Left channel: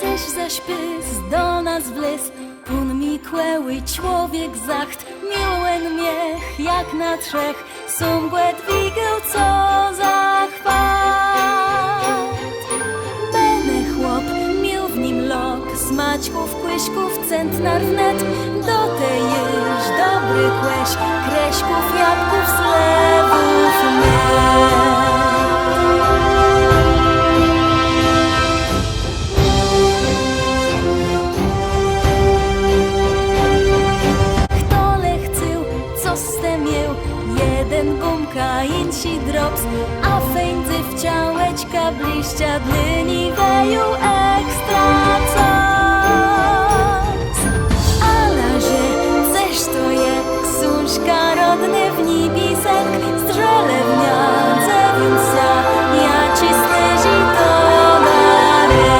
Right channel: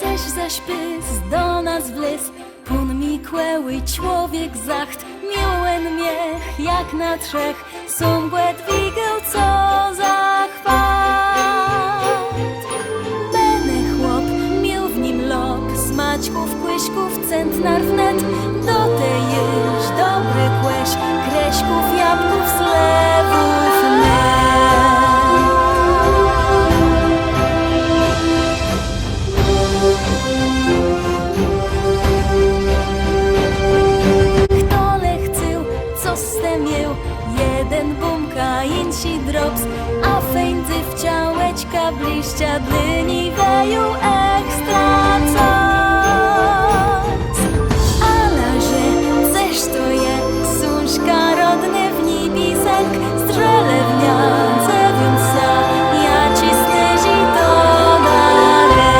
Ceś zaś pys do nas wlys, pun mi kłeły człowiek zacht, miłen miech jak na trzech, sumgłet wigieł co za chwat. Bene chłop, mił w nim lop, smaćków, kłyśków, centnar wnet, do tej jeż dobry kłeś, kreśków, jabłków, slewów med. Miał jeden bumka, insi drops, a feńdzy w ciałeczka bliścia dlyni weju ekstra coc. A lazie, ceż to je, ksuńśka rodny w nibi senk, strzelewnia, cewiunsa, ja cisnę to na ręk.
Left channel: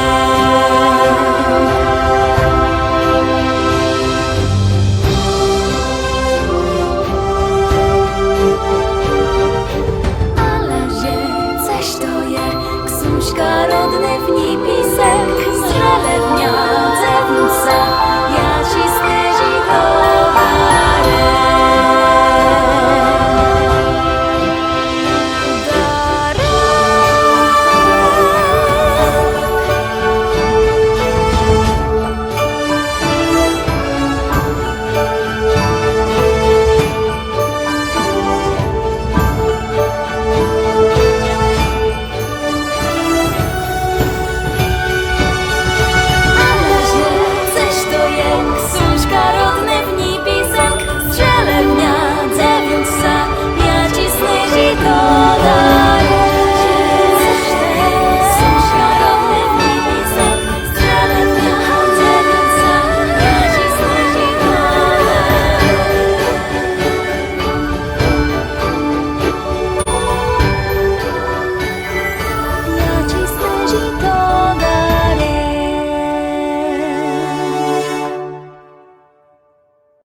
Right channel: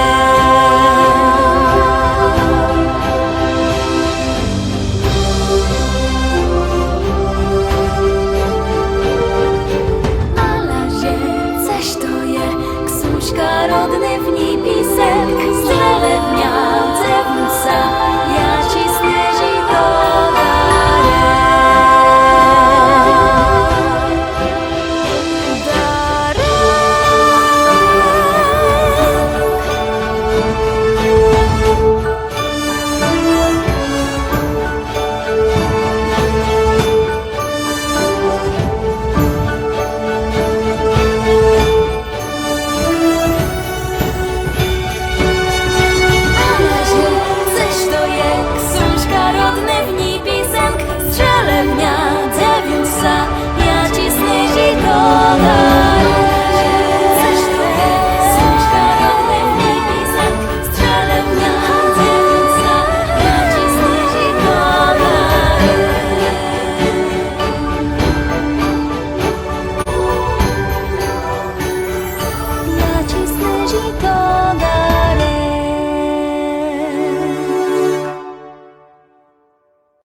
Rodny w nipisek, strzelewnia, cewnusa, ja cisnę to.